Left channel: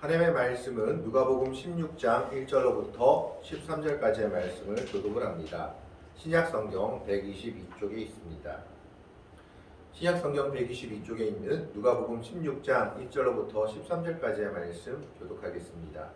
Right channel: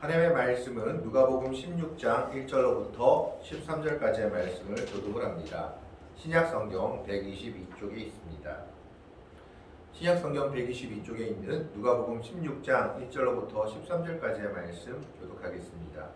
하나님의 말씀은 누가복음 16장 1절로부터 13절까지의 말씀을 교독을 합니다. 신약성경 122쪽에 있습니다. 신약성경 122쪽에 있는 누가복음 16장 1절로부터 13절까지의 말씀 교독하겠습니다.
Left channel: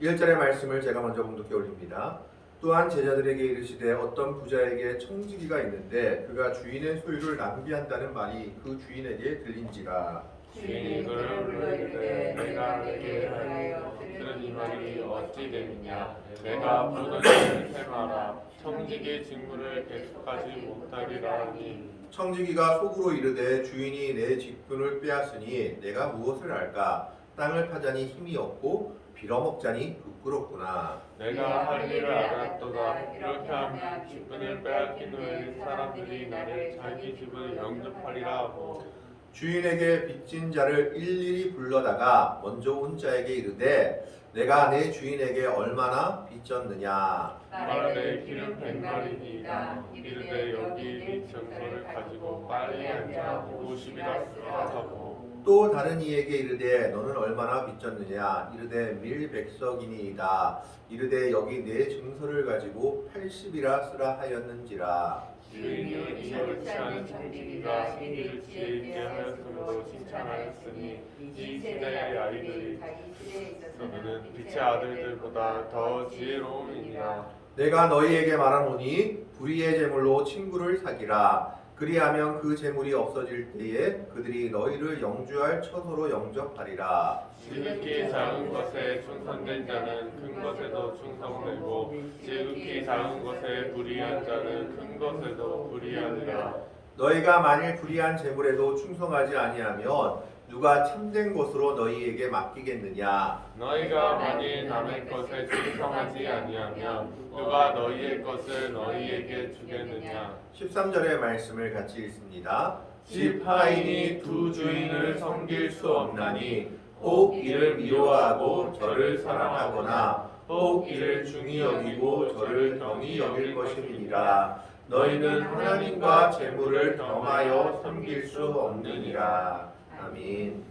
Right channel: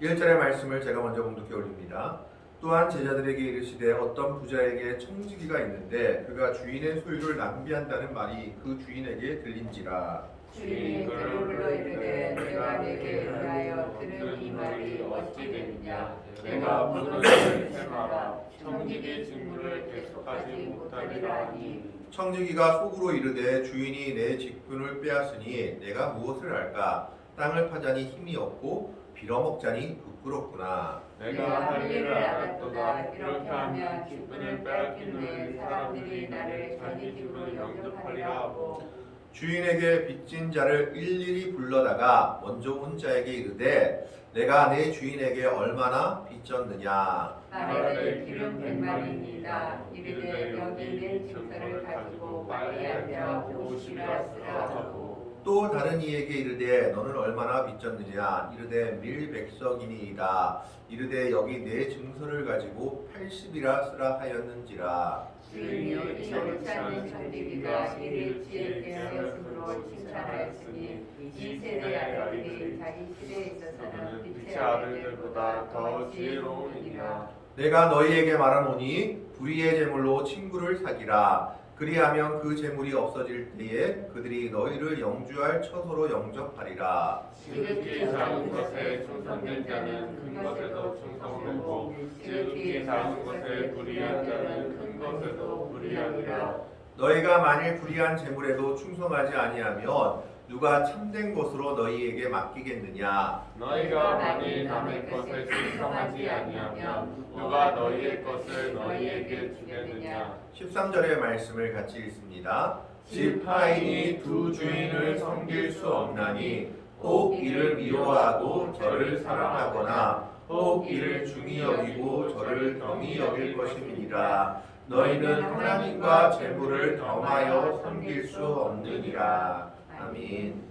1절의 말씀을 제가 먼저 봉독해 올립니다. 또한 제자들에게 이르시되 어떤 부자에게 청지기가 있는데 그가 주인의 소유를 낭비한다는 말이 그 주인에게 들린지라. 주인이 그를 불러 이르되 내가 내게 의하여 들은 이 말이 어찌 되느냐. 내가 모든 일을 행하라. 청지기 직무를 계속하지 못하리라 하니. 청지기가 속으로 이르되 주인이 내 직분을 빼앗으니 내가 무엇을 할까. 땅을 파자니 힘이 없고 빌어먹자니 부끄럽구나. 내가 할 일을 알았도다. 이렇게 하면 직분을 빼앗긴 후에 사람들이 나를 자기 집을 영접하리라 하고. 주인에게 빚진 자를 일일이 불러다가 먼저 온 자에게 이르되 내가 내 주인에게 얼마나 빚졌느냐. 말하되 기름 100만이니이다. 이르되 여기 내 증서를 가지고 빨리 앉아 50이나 쓰라 하고. 또 다른 이에게 이르되 너는 얼마나 빚졌느냐. 이르되 밀백석이니이다. 이르되 여기 내 증서를 가지고 80이라 쓰라 하였는지라. 주인이 이렇지 않은 청지기가 이를 지혜있게 하였으므로 칭찬하였으니 이 세대의 아들이 자기 시대에 있어서는 빛의 아들들보다 더 지혜로우니라. 내가 너희에게 말하노니 불의의 재물로 친구를 사기라. 그리하면 그 재물이 없어질 때에 그들이 너희를 영주할 처소로 영접하리라. 지극히 작은 것에 충성된 자는 큰 것에도 충성되고 지극히 작은 것에 불의한 자는 큰 것에도 불의하리라. 너희가 만일 불의한 재물에도 충성하지 아니하면 누가 참된 것으로 너희에게 맡기겠느냐. 너희가 만일 남의 것에 충성하지 아니하면 누가 너희의 것을 너희에게 주겠느냐. 13절의 말씀을 같이 읽습니다. 집 하인이 두 주인을 섬길 수 없나니 혹 이를 미워하고 저를 사랑하거나 혹 이를 중히 여기고 저를 경히 여길 것임이니라. 너희는 하나님과 재물을 겸하여 섬길 수 없느니라. 아멘.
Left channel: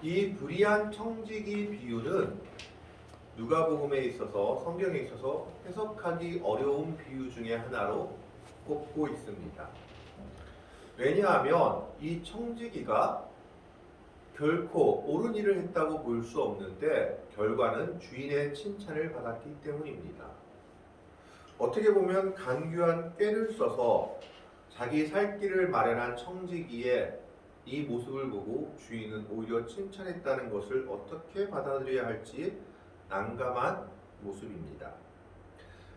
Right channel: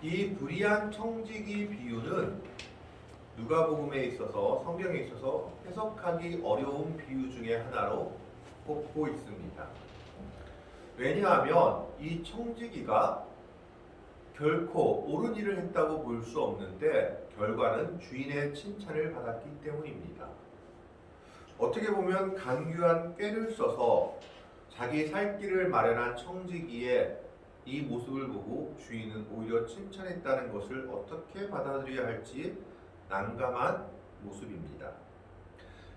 이 불의한 청지기 비유는 누가복음에 있어서 성경에 있어서 해석하기 어려운 비유 중에 하나로 꼽고 있습니다. 왜냐하면 이 청지기가 결코 옳은 일을 했다고 볼 수 없는데 결과는 주인의 칭찬을 받았기 때문입니다. 어떻게 보면 간교한 꾀를 써서 자기 살 길을 마련한 청지기의 이 모습을 보고 주인은 오히려 칭찬했다는 것을 어떻게 받아들여야 할지 난감한 모습입니다.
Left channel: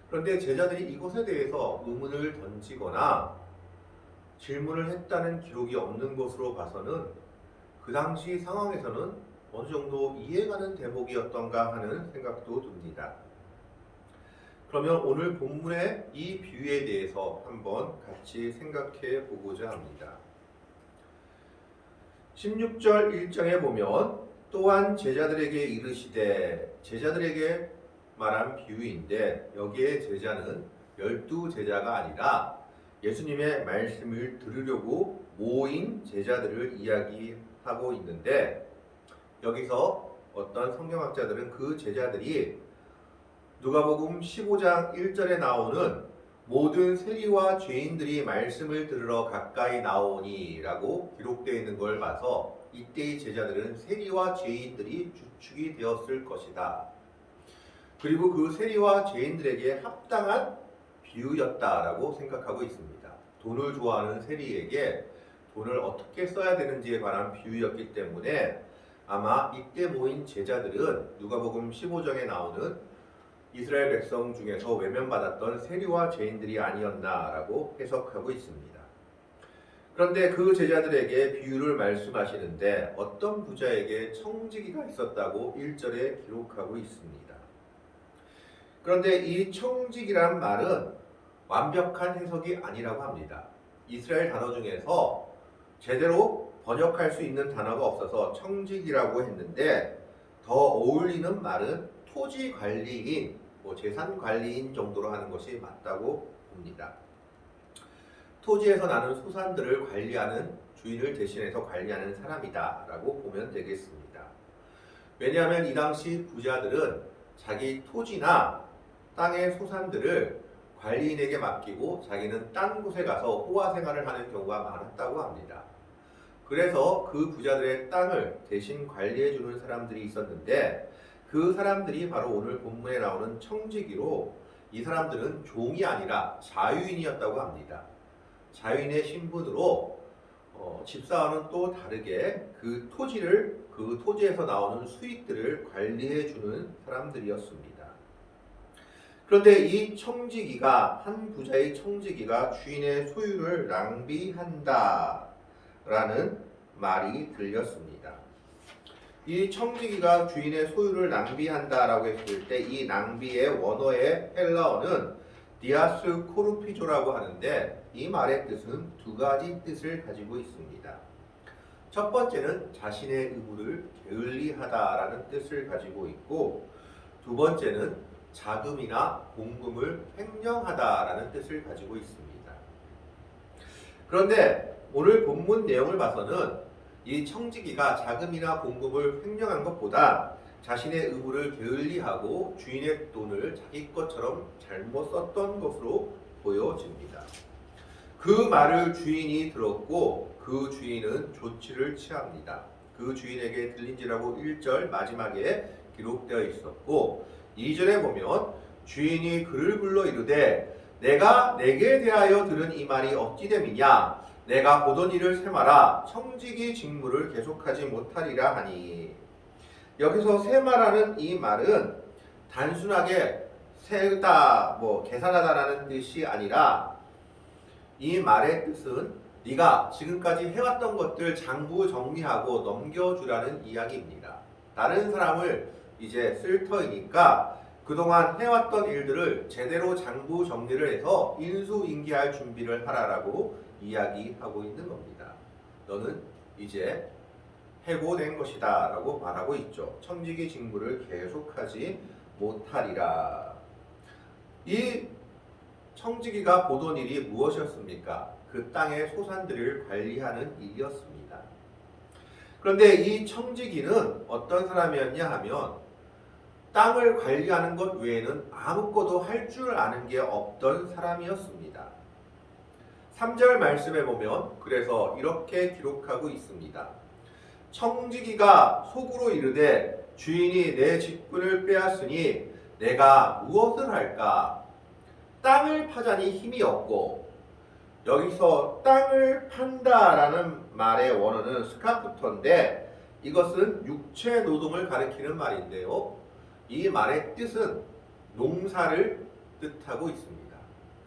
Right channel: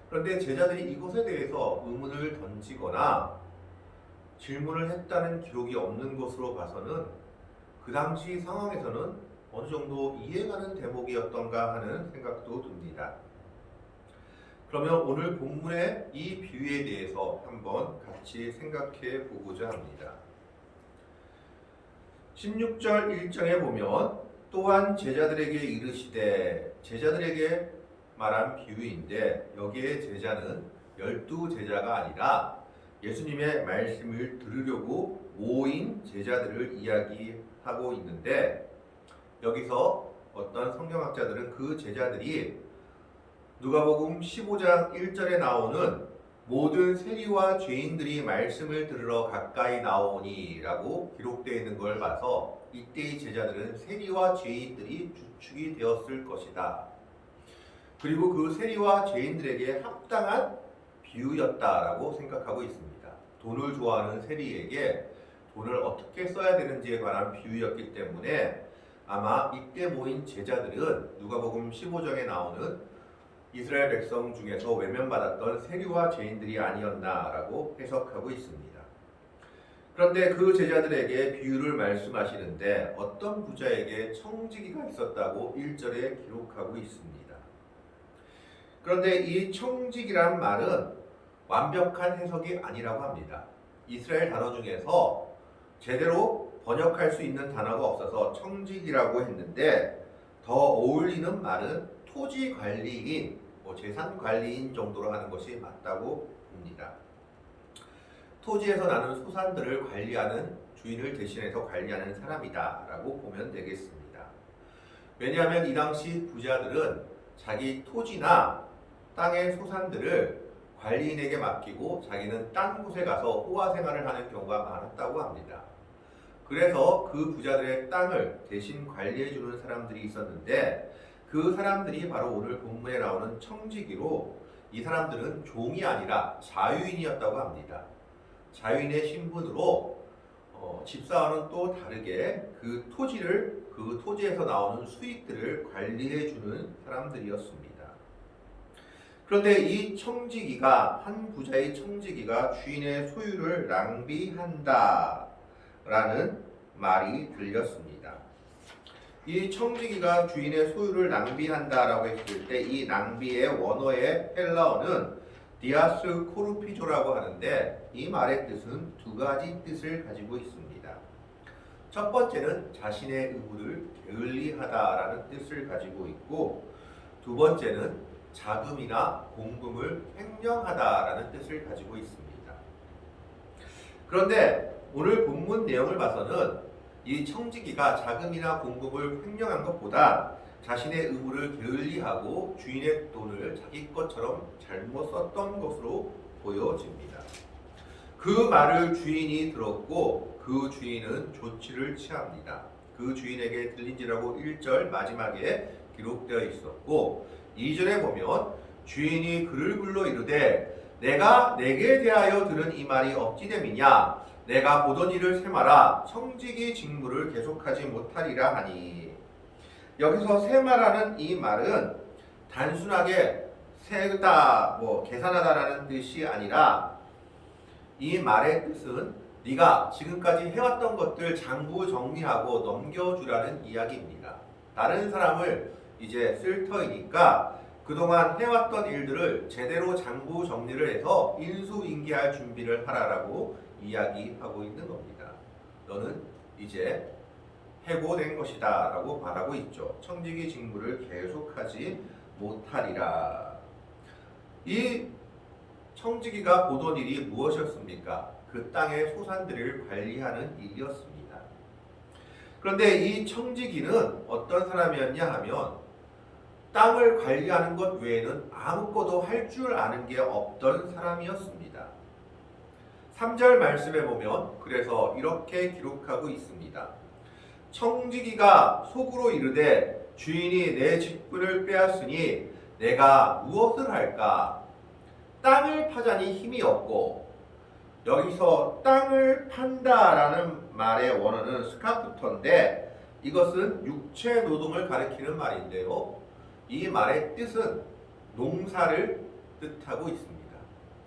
그런데 제자들이 이것에 대해서 의문을 던지거나 질문을 했다는 기록이 없는 것으로 봐서는 그 당시 상황에서는 어느 정도 이해가는 대목이었던가 하는 생각도 듭니다. 그러면 오늘 본문의 이 비유에 대해서 한번 같이 생각해 보고자 합니다. 16절 1장에 보면 또한 제자들에게 이르시되, 제자들에게 말한 비유인데 여기에 제자는 12제자가 아니라 예수님의 말씀을 들으려고 모인 제자들을 이야기하고 있는데, 여기서 어떤 성경학자들은 그 제자들이 누가복음 15장 1절에 나오는 모든 세리와 죄인들이 말씀을 들으러 가까이 나오니 라고 기록되어 있는 걸 봐서 이때의 제자들은 세리와 죄인들이 주축이 되었을 것이다. 그리고 그 세리와 죄인들에게 합당한 비유였다라고 생각하고 있습니다. 돈을 좋아하는 세리에게 돈을 어떻게 써야 되는지에 관한 비유였기 때문에 아마 이때 모인 제자들은 누가복음 15장에 나오는 이스라엘 백성 중에서 외면받았던 세리와 죄인들이 아니었나라고 해석하고 있습니다. 그런데 그 제자들에게 비유를 말씀하시는데 어떤 부자에게 청지기가 있었다고 1절에 기록하고 있습니다. 그런데 이 청지기란 말은 완벽한 해석이 아니라고 합니다. 이스라엘 단어 중에서 제대로 번역할 수 있는 단어가 없어서 청지기라고 했는데 더 어울리는 말은 토지 관리인, 재산 관리인 정도로 하는 것이 맞다고 봅니다. 토지에서 나는 소산들을 관리하는 주인을 대신해서 관리하는 사람이다라고 보면 되겠습니다. 왜냐하면 이 당시 부자들은 자기 토지나 땅의 소산들을 관리인에게 맡기고 자기는 딴 곳에 가서 호화 생활을 하는 경우가 많았다고 합니다. 그래서 그 부자들의 땅을 대신 관리해주는 사람들이 있었는데 그 사람들이 바로 오늘 본문에 나오는 청지기로 이 사람들은 종이 아니라 자유인이었다고 합니다. 자유인의 신분으로 집사와는 또 다르게 그 토지에서 나오는 수익들을 관리해주는 사람들이었습니다. 그런데 이 청지기가 한 부자의 청지기가 주인의 소유를 낭비한다라는 말이 들렸습니다. 이 청지기가 주인의 소유를 낭비한다라고 했을 때 이 낭비의 원어의 헬라어는 디아스 코르피조라고 하는데 이 말의 뜻은 두 가지 뜻을 가지고 있습니다. 첫 번째는 자신의 의무를 게을리하다라는 뜻을 가지고 있고 두 번째는 자금이나 공금을 횡령하다라는 뜻을 가지고 있습니다. 그런데 오늘 본문 내용을 봐서는 이 청지기가 자금이나 공금을 횡령한 것보다 자신의 의무를 게을리하고 주인의 돈을 자기 것처럼 잘못 썼던 것으로 보여집니다. 그 말을 주인이 들었고 그 주인은 조치를 취합니다. 그 주인에게 들린지라고 1절 마지막에 기록되어 있었고 2절에 보면 주인이 그를 불러 이르되 내가 내게 대하여 들은 이 말이 어찌 됨이냐 내가 보던 일을 세마라 청지기 직무를 계속하지 못하리라 하니 여기서 세마라는 이 말은 단순하게 세다 계산하다라는 뜻이 아니라 이 말의 뜻은 네가 지금까지 해왔던 것들 장부 정리하고 넘겨주라는 이야기입니다. 다른 사람을 이제 쓸 터이니까 그동안 해왔던 일들을 제대로 장부 정리를 해서 인수인계할 준비를 하라라고 이야기하고 있는 겁니다. 너는 이제 해고된 것이다 라고 말하고 있죠. 청지기 직무를 계속하지 못하리라. 이 청지기가 보던 일이 무엇이었습니까? 그 땅의 소산들을 관리하는 일이었습니다. 그런데 이 청지기는 어떤 사람이었냐 하면 땅을 관리하는 것 외에는 아무것도 할 줄 아는 게 없던 사람이었습니다. 3절 말씀에 보면 그래서 이렇게 기록하고 있습니다. 청지기가 속으로 이르되 주인이 내 직분을 빼앗으니 내가 무엇을 할까? 땅을 파자니 힘이 없고 여기서 땅을 판다라는 말의 원어는 스카프터인데 이것은 육체 노동을 가리키는 말인데요. 이 말의 뜻은 농사를 뜻하고 있습니다.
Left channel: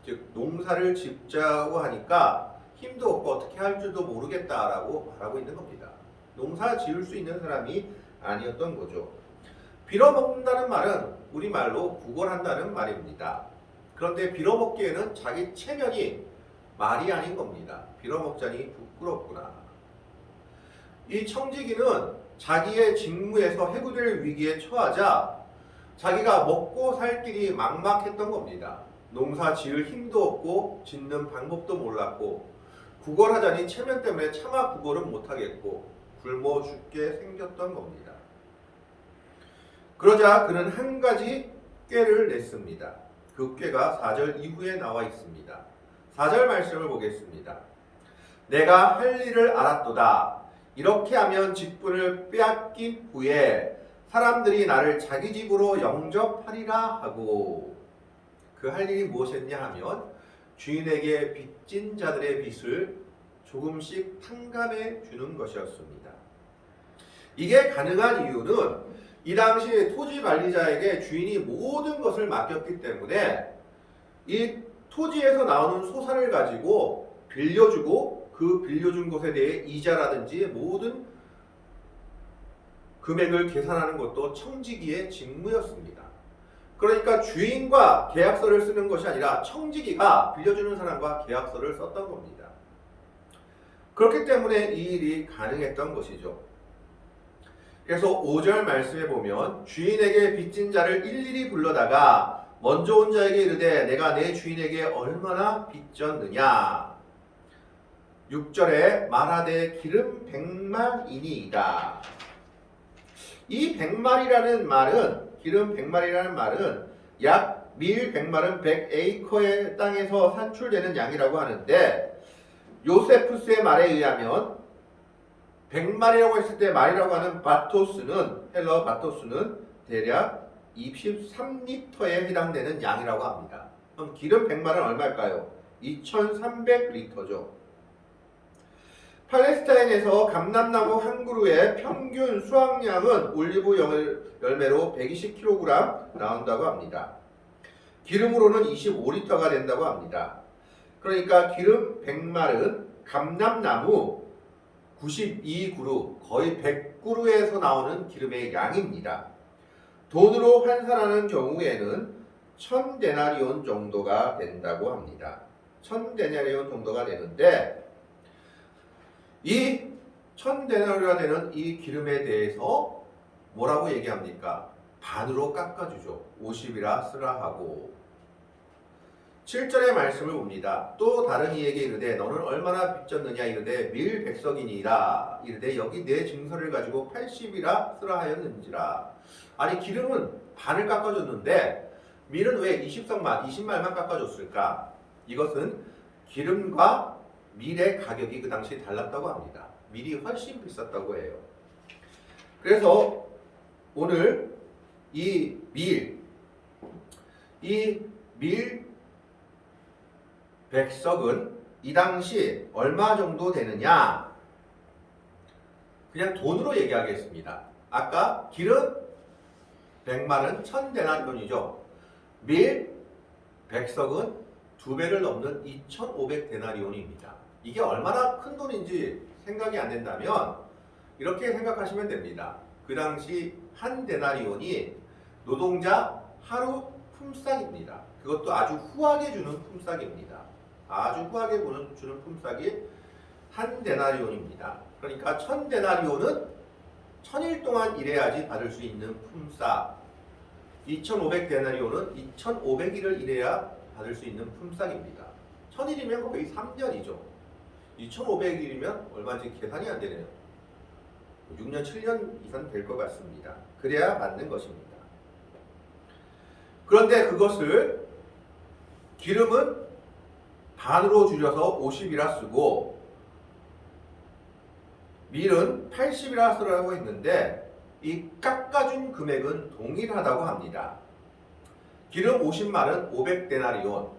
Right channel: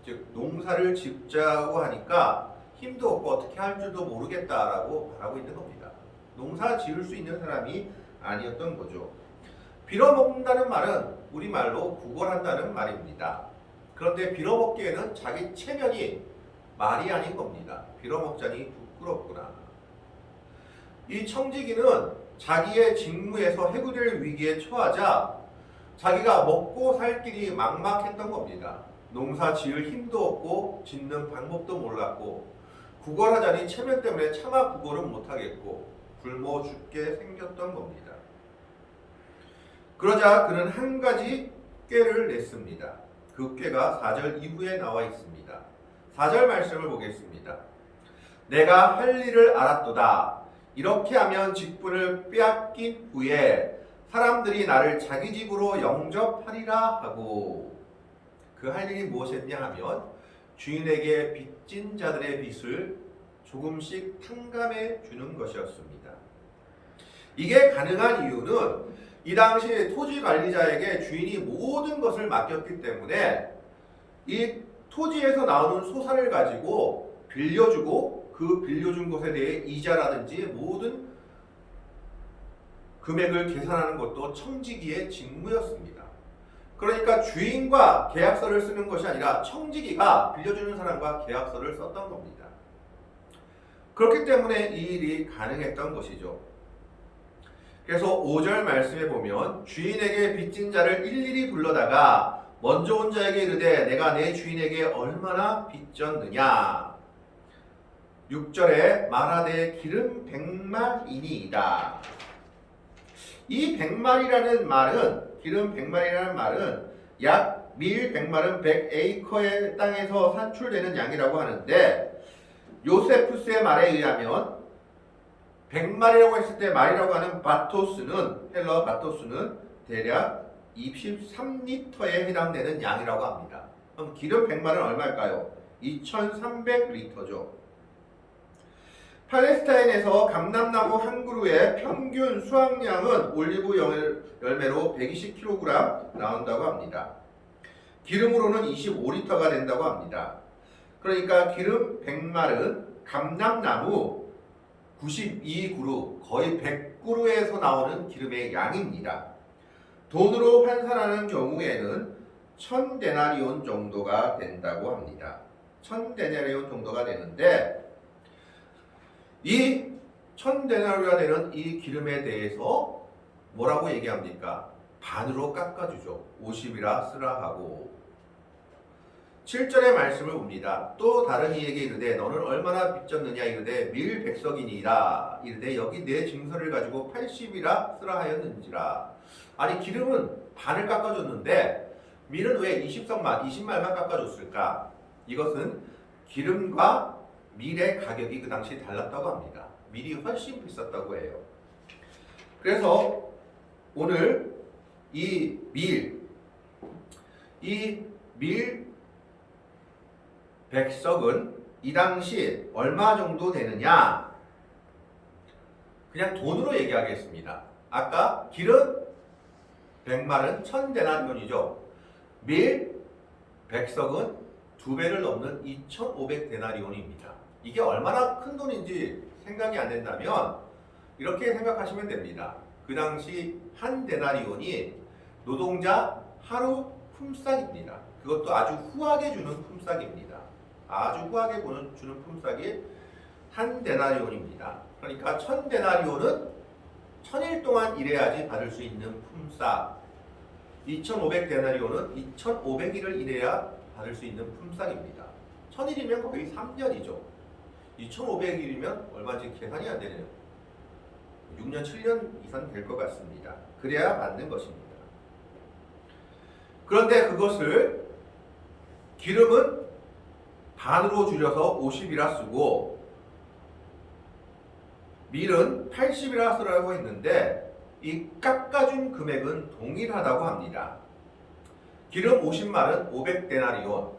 즉 농사를 짓자고 하니까 힘도 없고 어떻게 할 줄도 모르겠다라고 말하고 있는 겁니다. 농사 지을 수 있는 사람이 아니었던 거죠. 빌어먹는다는 말은 우리말로 구걸한다는 말입니다. 그런데 빌어먹기에는 자기 체면이 말이 아닌 겁니다. 빌어먹자니 부끄럽구나. 이 청지기는 자기의 직무에서 해고될 위기에 처하자 자기가 먹고 살 길이 막막했던 겁니다. 농사 지을 힘도 없고 짓는 방법도 몰랐고 구걸하자니 체면 때문에 차마 구걸은 못하겠고 굶어 죽게 생겼던 겁니다. 그러자 그는 한 가지 꾀를 냈습니다. 그 꾀가 4절 이후에 나와 있습니다. 4절 말씀을 보겠습니다. 내가 할 일을 알았도다. 이렇게 하면 직분을 빼앗긴 후에 사람들이 나를 자기 집으로 영접하리라 하고 그 할 일이 무엇이었냐 하면 주인에게 빚진 자들의 빚을 조금씩 탕감해 주는 것이었습니다. 이게 가능한 이유는 이 당시 토지 관리자에게 주인이 모든 것을 맡겼기 때문에 이 토지에서 나오는 소산을 가지고 빌려주고 그 빌려준 것에 대해 이자라든지 모든 금액을 계산하는 것도 청지기의 직무였습니다. 그러니까 주인과 계약서를 쓰는 것이 아니라 청지기가 빌려주는 사람과 계약서를 썼던 겁니다. 그렇기 때문에 이 일이 가능했던 것이죠. 그래서 5절 말씀에 보면 주인에게 빚진 자를 일일이 불러다가 먼저 온 자에게 이르되 내가 내 주인에게 얼마나 빚졌느냐. 6절에 말하되 기름 100말이니이다. 이 100말이라는 말은 기름 100말이라는 말은 약 밀 100말은 100에이커의 땅에서 산출되는 양이라고 하는데 요세푸스의 말에 의하면 100말이라고 했을 때 말이라고 하는 바토스는 헬러 바토스는 대략 23리터에 해당되는 양이라고 합니다. 그럼 기름 100말은 얼마일까요? 2300리터죠. 팔레스타인에서 감람나무 한 그루의 평균 수확량은 올리브 열매로 120kg 나온다고 합니다. 기름으로는 25리터가 된다고 합니다. 그러니까 기름 100말은 감람나무 92그루, 거의 100그루에서 나오는 기름의 양입니다. 돈으로 환산하는 경우에는 1000데나리온 정도가 된다고 합니다. 1000데나리온 정도가 되는데 이 1000데나리온이 되는 이 기름에 대해서 뭐라고 얘기합니까? 반으로 깎아주죠. 50이라 쓰라 하고 7절의 말씀을 봅니다. 또 다른 이에게 이르되 너는 얼마나 빚졌느냐 이르되 밀 100석이니라 이르되 여기 내 증서를 가지고 80이라 쓰라 하였는지라. 아니 기름은 반을 깎아줬는데 밀은 왜 20말만 깎아줬을까? 이것은 기름과 밀의 가격이 그 당시 달랐다고 합니다. 밀이 훨씬 비쌌다고 해요. 그래서 오늘 이 밀 100석은 이 당시 얼마 정도 되느냐? 그냥 돈으로 얘기하겠습니다. 아까 기름 100말은 1000데나리온이죠. 밀 100석은 2배를 넘는 2500데나리온입니다. 이게 얼마나 큰 돈인지 생각이 안 된다면 이렇게 생각하시면 됩니다. 그 당시 한 데나리온이 노동자 하루 품삯입니다. 그것도 아주 후하게 주는 품삯입니다. 아주 후하게 주는 품삯이 한 데나리온입니다. 그러니까 1000데나리온은 1000일 동안 일해야지 받을 수 있는 품삯, 2500데나리온은 2500일을 일해야 받을 수 있는 품삯입니다. 1000일이면 거의 3년이죠. 2500일이면 얼마인지 계산이 안 되네요. 6년, 7년 이상 될 것 같습니다. 그래야 맞는 것입니다. 그런데 그것을 기름은 반으로 줄여서 50이라 쓰고 밀은 80이라 쓰라고 했는데 이 깎아준 금액은 동일하다고 합니다. 기름 50말은 500데나리온,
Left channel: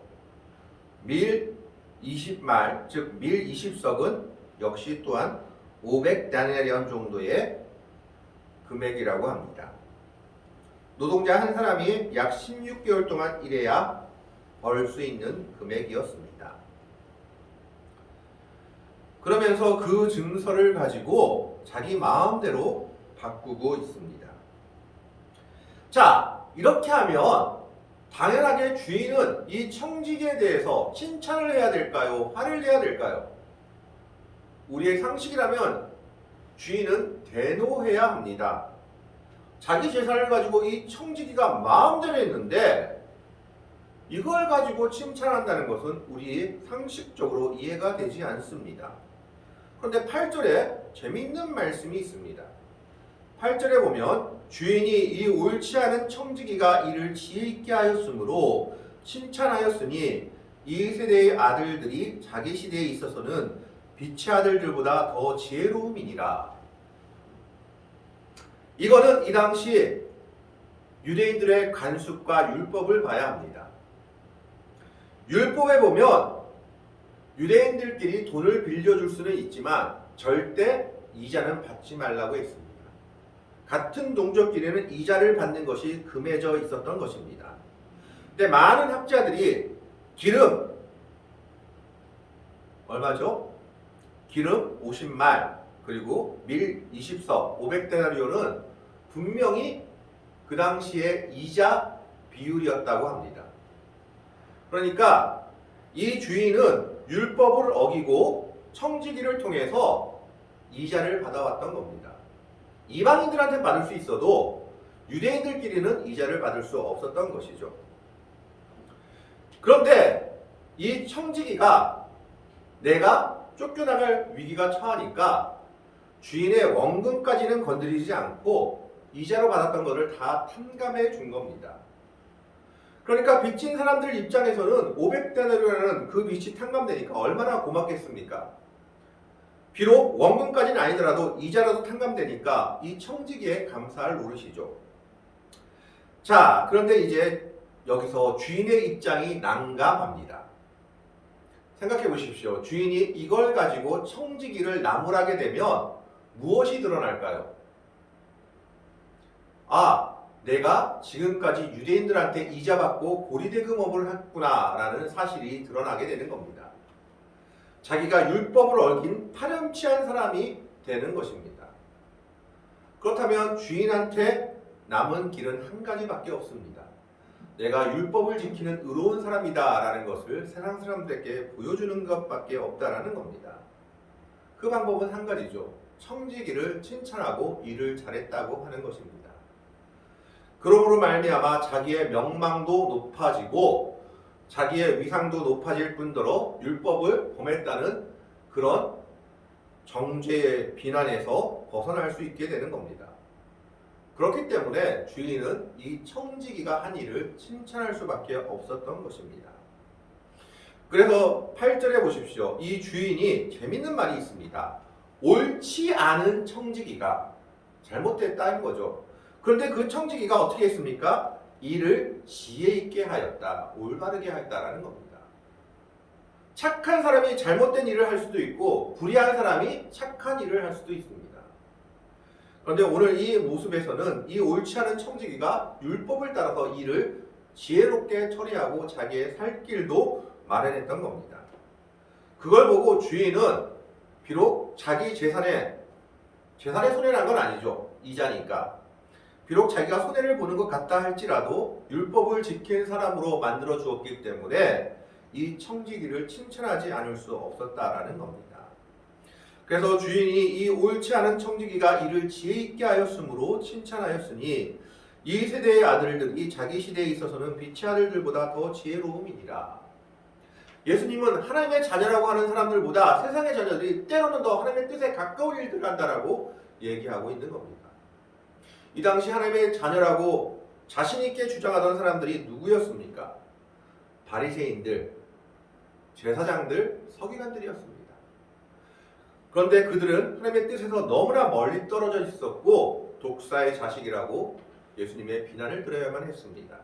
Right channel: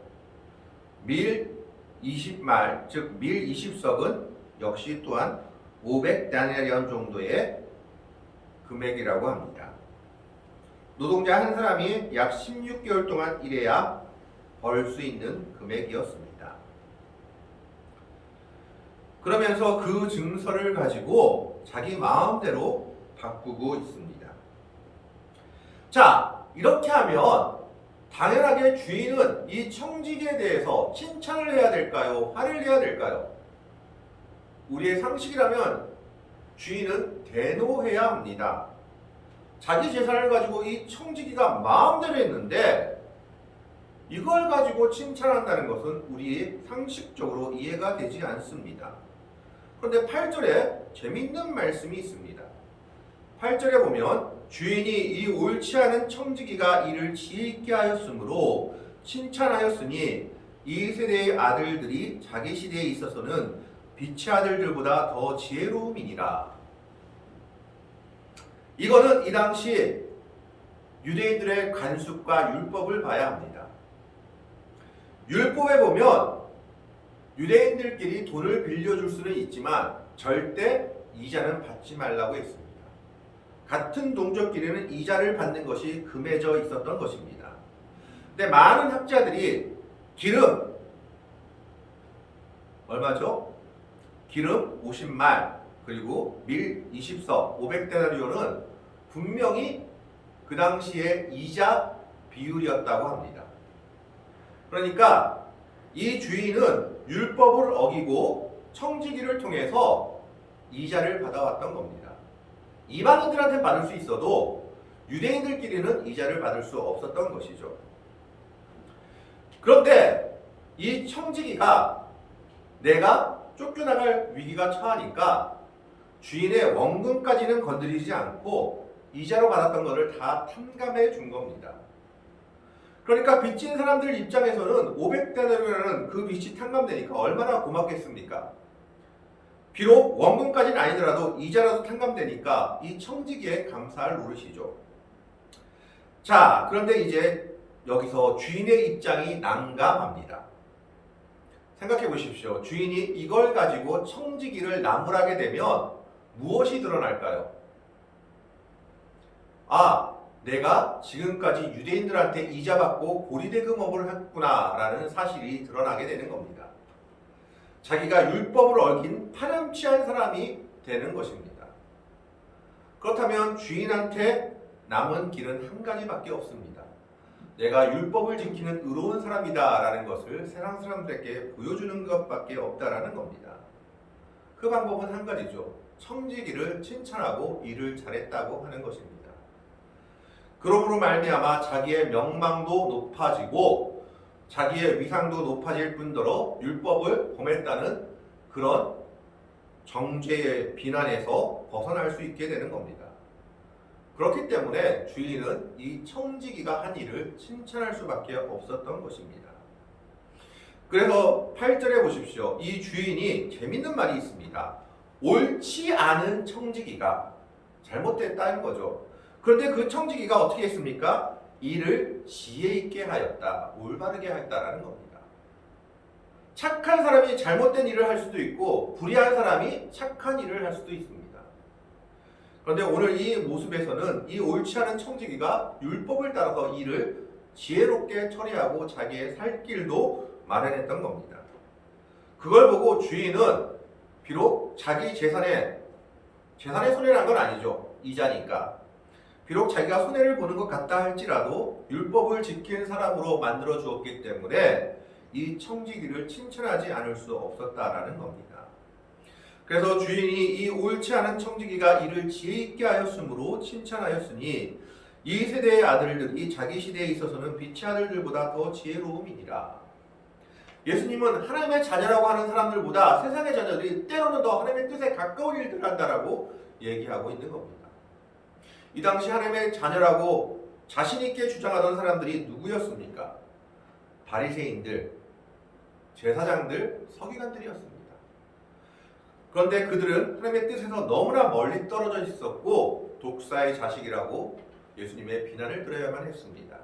밀 20말, 즉 밀 20석은 역시 또한 500데나리온 정도의 금액이라고 합니다. 노동자 한 사람이 약 16개월 동안 일해야 벌 수 있는 금액이었습니다. 그러면서 그 증서를 가지고 자기 마음대로 바꾸고 있습니다. 자, 이렇게 하면 당연하게 주인은 이 청지기에 대해서 칭찬을 해야 될까요? 화를 내야 될까요? 우리의 상식이라면 주인은 대노해야 합니다. 자기 재산을 가지고 이 청지기가 마음대로 했는데 이걸 가지고 칭찬한다는 것은 우리의 상식적으로 이해가 되지 않습니다. 그런데 8절에 재미있는 말씀이 있습니다. 8절에 보면 주인이 이 옳지 않은 청지기가 이를 지혜있게 하였으므로 칭찬하였으니 이 세대의 아들들이 자기 시대에 있어서는 빛의 아들들보다 더 지혜로움이니라. 이거는 이 당시 유대인들의 관습과 율법을 봐야 합니다. 율법에 보면 유대인들끼리 돈을 빌려줄 수는 있지만 절대 이자는 받지 말라고 했습니다. 같은 동족끼리는 이자를 받는 것이 금해져 있었던 것입니다. 근데 많은 학자들이 기름 얼마죠? 기름 50말 그리고 밀 20석 500데나리온은 분명히 그 당시의 이자 비율이었다고 합니다. 그러니까 이 주인은 율법을 어기고 청지기를 통해서 이자를 받아왔던 겁니다. 이방인들한테 받을 수 있어도 유대인들끼리는 이자를 받을 수 없었던 것이죠. 그런데 이 청지기가 내가 쫓겨나갈 위기가 처하니까 주인의 원금까지는 건드리지 않고 이자로 받았던 것을 다 탕감해 준 겁니다. 그러니까 빚진 사람들 입장에서는 500데나리온이라는 그 빚이 탕감되니까 얼마나 고맙겠습니까? 비록 원금까지는 아니더라도 이자라도 탕감되니까 이 청지기에 감사할 노릇이죠. 자, 그런데 이제 여기서 주인의 입장이 난감합니다. 생각해 보십시오. 주인이 이걸 가지고 청지기를 나무라게 되면 무엇이 드러날까요? 아, 내가 지금까지 유대인들한테 이자 받고 고리대금업을 했구나라는 사실이 드러나게 되는 겁니다. 자기가 율법을 어긴 파렴치한 사람이 되는 것입니다. 그렇다면 주인한테 남은 길은 한 가지밖에 없습니다. 내가 율법을 지키는 의로운 사람이다라는 것을 세상 사람들에게 보여주는 것밖에 없다라는 겁니다. 그 방법은 한 가지죠. 청지기를 칭찬하고 일을 잘했다고 하는 것입니다. 그러므로 말미암아 자기의 명망도 높아지고 자기의 위상도 높아질 뿐더러 율법을 범했다는 그런 정죄의 비난에서 벗어날 수 있게 되는 겁니다. 그렇기 때문에 주인은 이 청지기가 한 일을 칭찬할 수밖에 없었던 것입니다. 그래서 8절에 보십시오. 이 주인이 재밌는 말이 있습니다. 옳지 않은 청지기가 잘못됐다는 거죠. 그런데 그 청지기가 어떻게 했습니까? 일을 지혜 있게 하였다. 올바르게 하였다라는 겁니다. 착한 사람이 잘못된 일을 할 수도 있고 불의한 사람이 착한 일을 할 수도 있습니다. 그런데 오늘 이 모습에서는 이 옳지 않은 청지기가 율법을 따라서 일을 지혜롭게 처리하고 자기의 살 길도 마련했던 겁니다. 그걸 보고 주인은 비록 자기 재산에 손해를 난 건 아니죠. 이자니까. 비록 자기가 손해를 보는 것 같다 할지라도 율법을 지킨 사람으로 만들어 주었기 때문에 이 청지기를 칭찬하지 않을 수 없었다라는 겁니다. 그래서 주인이 이 옳지 않은 청지기가 이를 지혜 있게 하였으므로 칭찬하였으니 이 세대의 아들들이 자기 시대에 있어서는 빛의 아들들보다 더 지혜로움이니라. 예수님은 하나님의 자녀라고 하는 사람들보다 세상의 자녀들이 때로는 더 하나님의 뜻에 가까운 일들을 한다라고 얘기하고 있는 겁니다. 이 당시 하나님의 자녀라고 자신 있게 주장하던 사람들이 누구였습니까? 바리새인들, 제사장들, 서기관들이었습니다. 그런데 그들은 하나님의 뜻에서 너무나 멀리 떨어져 있었고 독사의 자식이라고 예수님의 비난을 들어야만 했습니다.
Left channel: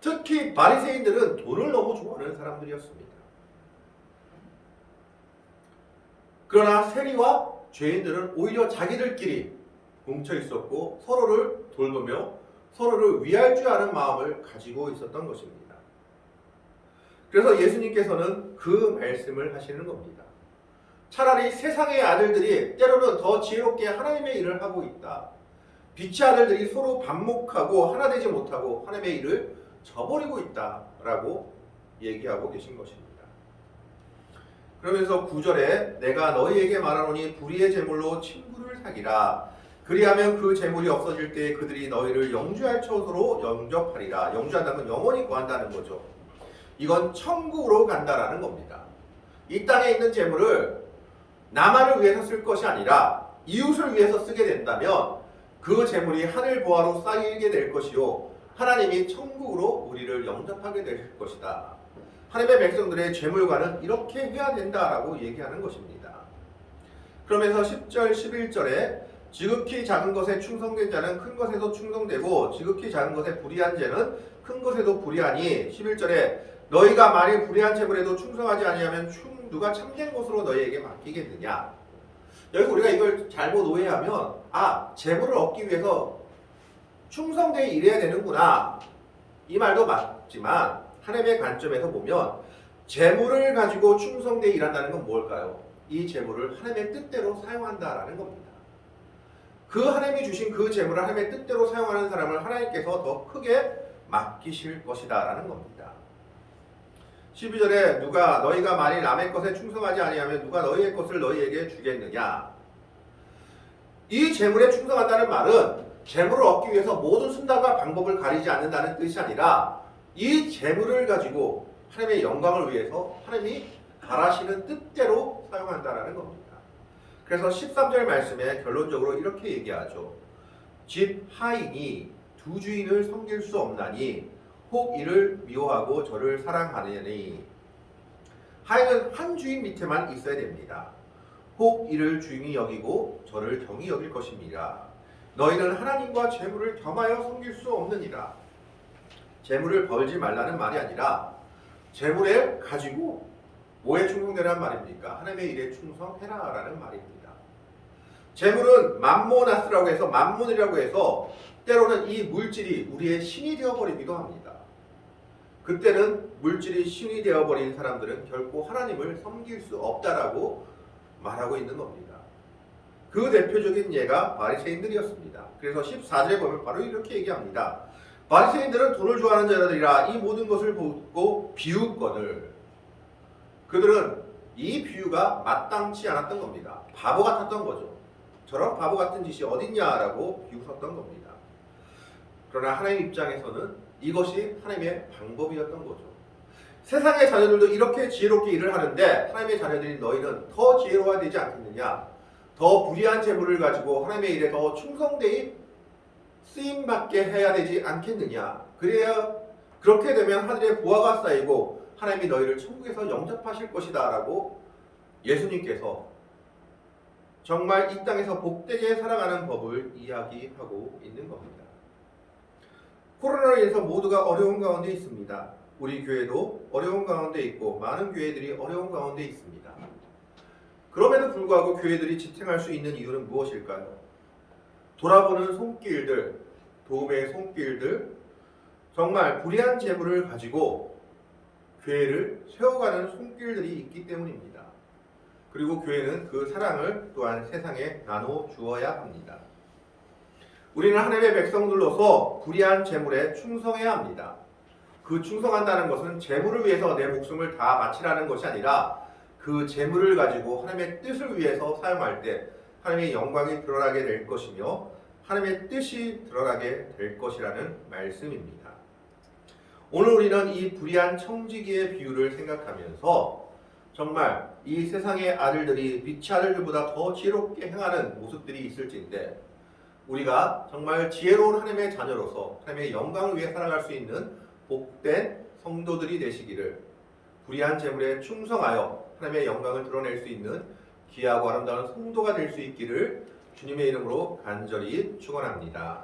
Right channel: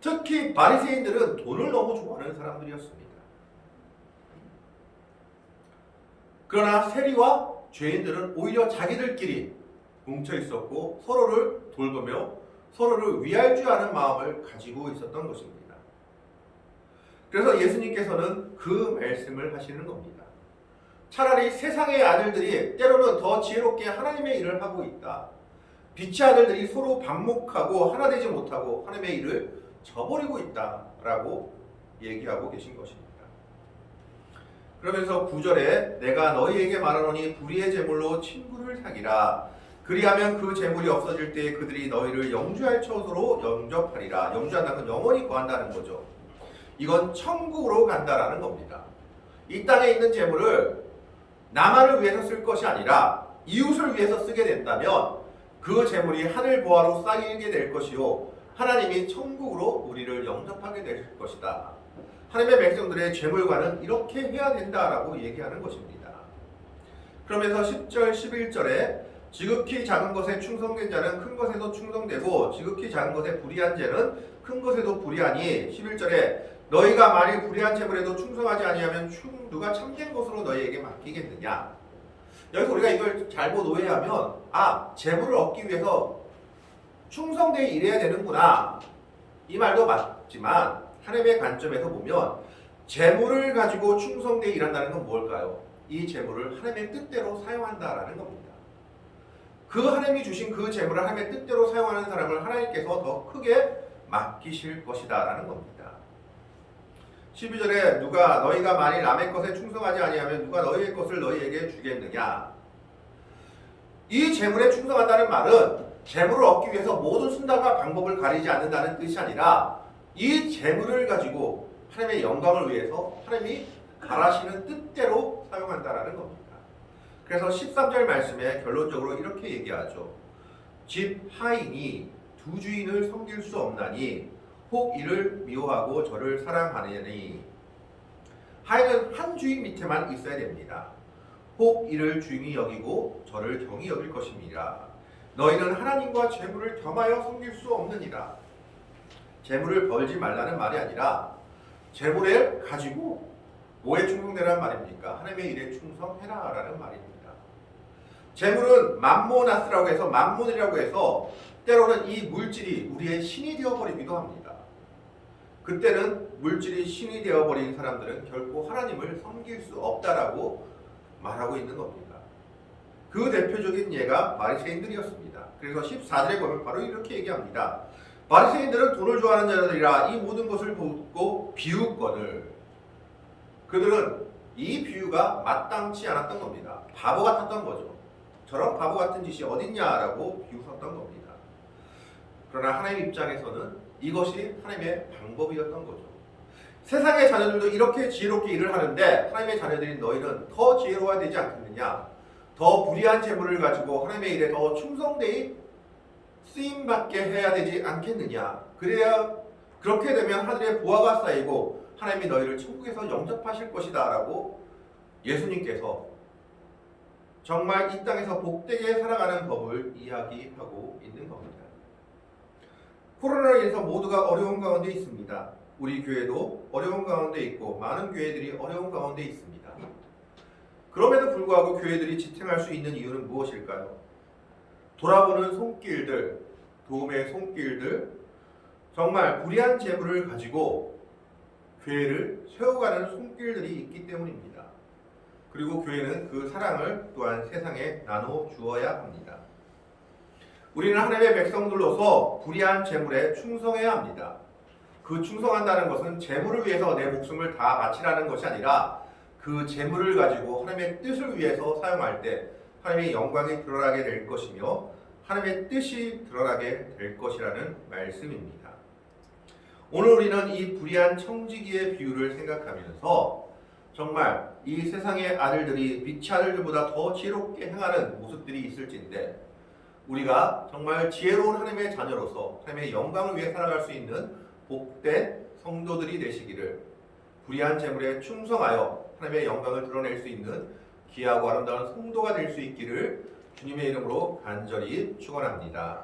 특히 바리새인들은 돈을 너무 좋아하는 사람들이었습니다. 그러나 세리와 죄인들은 오히려 자기들끼리 뭉쳐 있었고 서로를 돌보며 서로를 위할 줄 아는 마음을 가지고 있었던 것입니다. 그래서 예수님께서는 그 말씀을 하시는 겁니다. 차라리 세상의 아들들이 때로는 더 지혜롭게 하나님의 일을 하고 있다. 빛의 아들들이 서로 반목하고 하나 되지 못하고 하나님의 일을 저버리고 있다라고 얘기하고 계신 것입니다. 그러면서 9절에 내가 너희에게 말하노니 불의의 제물로 친구를 사기라. 그리하면 그 제물이 없어질 때에 그들이 너희를 영주할 처소로 영접하리라. 영주한다는 건 영원히 거한다는 거죠. 이건 천국으로 간다라는 겁니다. 이 땅에 있는 제물을 나만을 위해서 쓸 것이 아니라 이웃을 위해서 쓰게 된다면 그 제물이 하늘 보화로 쌓이게 될 것이요 하나님이 천국으로 우리를 영접하게 될 것이다. 하나님의 백성들의 제물과는 이렇게 해야 된다라고 얘기하는 것입니다. 그러면서 10절 11절에 지극히 작은 것에 충성된 자는 큰 것에도 충성되고 지극히 작은 것에 불의한 자는 큰 것에도 불의하니 11절에 너희가 만일 불의한 제물에도 충성하지 아니하면 누가 참된 것으로 너희에게 맡기겠느냐. 여기서 우리가 이걸 잘못 오해하면 제물을 얻기 위해서 충성되어 일해야 되는구나 이 말도 맞지만 하나님의 관점에서 보면 제물을 가지고 충성되어 일한다는 건 뭘까요? 이 제물을 하나님의 뜻대로 사용한다라는 겁니다. 그 하나님이 주신 그 제물을 하나님의 뜻대로 사용하는 사람을 하나님께서 더 크게 맡기실 것이다 라는 겁니다. 12절에 누가 너희가 만일 남의 것에 충성하지 아니하면 누가 너희의 것을 너희에게 주겠느냐. 이 제물에 충성한다는 말은 제물을 얻기 위해서 모든 수단과 방법을 가리지 않는다는 뜻이 아니라 이 제물을 가지고 하나님의 영광을 위해서 하나님이 바라시는 뜻대로 사용한다라는 겁니다. 그래서 13절 말씀에 결론적으로 이렇게 얘기하죠. 집 하인이 두 주인을 섬길 수 없나니 혹 이를 미워하고 저를 사랑하느니. 하인은 한 주인 밑에만 있어야 됩니다. 혹 이를 주인이 여기고 저를 경히 여길 것입니다. 너희는 하나님과 재물을 겸하여 섬길 수 없느니라. 재물을 벌지 말라는 말이 아니라 재물을 가지고 뭐에 충성되라는 말입니까? 하나님의 일에 충성해라라는 말입니다. 재물은 맘모나스라고 해서 만문이라고 해서 때로는 이 물질이 우리의 신이 되어버리기도 합니다. 그때는 물질이 신이 되어버린 사람들은 결코 하나님을 섬길 수 없다라고 말하고 있는 겁니다. 그 대표적인 예가 바리새인들이었습니다. 그래서 14절에 보면 바로 이렇게 얘기합니다. 바리새인들은 돈을 좋아하는 자들이라 이 모든 것을 보고 비웃거늘. 그들은 이 비유가 마땅치 않았던 겁니다. 바보 같았던 거죠. 저런 바보 같은 짓이 어딨냐라고 비웃었던 겁니다. 그러나 하나님 입장에서는 이것이 하나님의 방법이었던 거죠. 세상의 자녀들도 이렇게 지혜롭게 일을 하는데 하나님의 자녀들인 너희는 더 지혜로워야 되지 않겠느냐? 더 불의한 재물을 가지고 하나님의 일에 더 충성되이 쓰임받게 해야 되지 않겠느냐? 그래야 그렇게 되면 하늘에 보화가 쌓이고 하나님이 너희를 천국에서 영접하실 것이다 라고 예수님께서 정말 이 땅에서 복되게 살아가는 법을 이야기하고 있는 겁니다. 코로나로 인해서 모두가 어려운 가운데 있습니다. 우리 교회도 어려운 가운데 있고 많은 교회들이 어려운 가운데 있습니다. 그럼에도 불구하고 교회들이 지탱할 수 있는 이유는 무엇일까요? 돌아보는 손길들, 도움의 손길들, 정말 불의한 재물을 가지고 교회를 세워가는 손길들이 있기 때문입니다. 그리고 교회는 그 사랑을 또한 세상에 나눠 주어야 합니다. 우리는 하나님의 백성들로서 불의한 재물에 충성해야 합니다. 그 충성한다는 것은 재물을 위해서 내 목숨을 다 바치라는 것이 아니라 그 재물을 가지고 하나님의 뜻을 위해서 사용할 때 하나님의 영광이 드러나게 될 것이며 하나님의 뜻이 드러나게 될 것이라는 말씀입니다. 오늘 우리는 이 불의한 청지기의 비유를 생각하면서 정말 이 세상의 아들들이 빛의 아들들보다 더 지혜롭게 행하는 모습들이 있을진데 우리가 정말 지혜로운 하나님의 자녀로서 하나님의 영광을 위해 살아갈 수 있는 복된 성도들이 되시기를, 불의한 재물에 충성하여 하나님의 영광을 드러낼 수 있는 귀하고 아름다운 성도가 될 수 있기를 주님의 이름으로 간절히 축원합니다.